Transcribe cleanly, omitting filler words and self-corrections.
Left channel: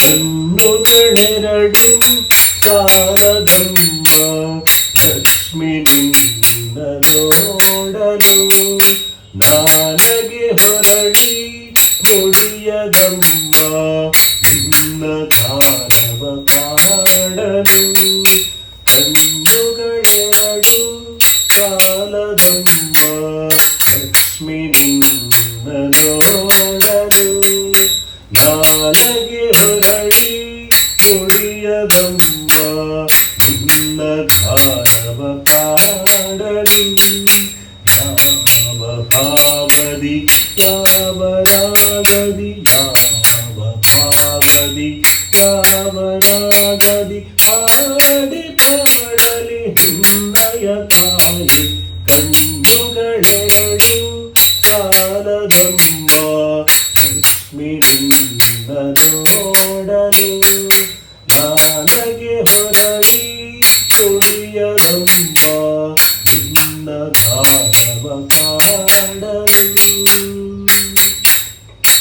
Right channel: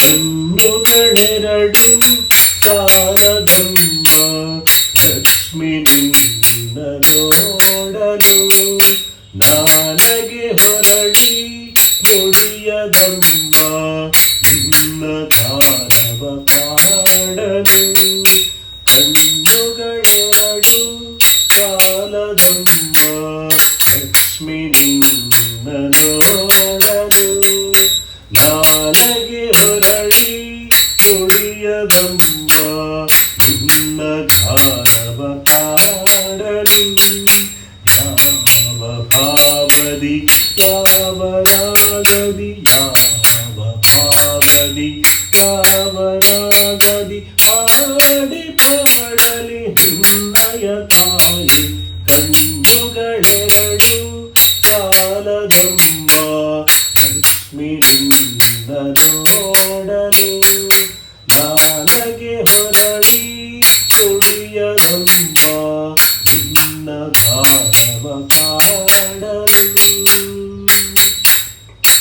ಕಣ್ಣುಗಳೆರಡು ಸಾಲದಮ್ಮ ಲಕ್ಷ್ಮಿ ನಿನ್ನ ನೋಡಲು ನಾಲಗೆ ಹೊರಳಿ ನುಡಿಯದಮ್ಮ ನಿನ್ನ ಗಾನವ ಕಾಡಲು ಕಣ್ಣುಗಳೆರಡು ಸಾಲದಮ್ಮ ಲಕ್ಷ್ಮಿ ನಿನ್ನ ನೋಡಲು ನಾಲಗೆ ಹೊರಳಿ ನುಡಿಯದಮ್ಮ ನಿನ್ನ ಗಾನವ ಕಾಡಲು ಯಾವ ಭಾವದಿ ಯಾವ ರಾಗದಿ ಯಾವ ಭಾವದಿ ಯಾವ ರಾಗದಿ ಹಾಡಿ ಪಾಡಲಿ ನಿನ್ನಯ ತಾಯಿ ಕಣ್ಣುಗಳೆರಡು ಸಾಲದಮ್ಮ ಲಕ್ಷ್ಮಿ ನಿನ್ನ ನೋಡಲು ನಾಲಗೆ ಹೊರಳಿ ತುಳಿಯದಮ್ಮ ನಿನ್ನ ಗಾನವ ಕಾಡಲು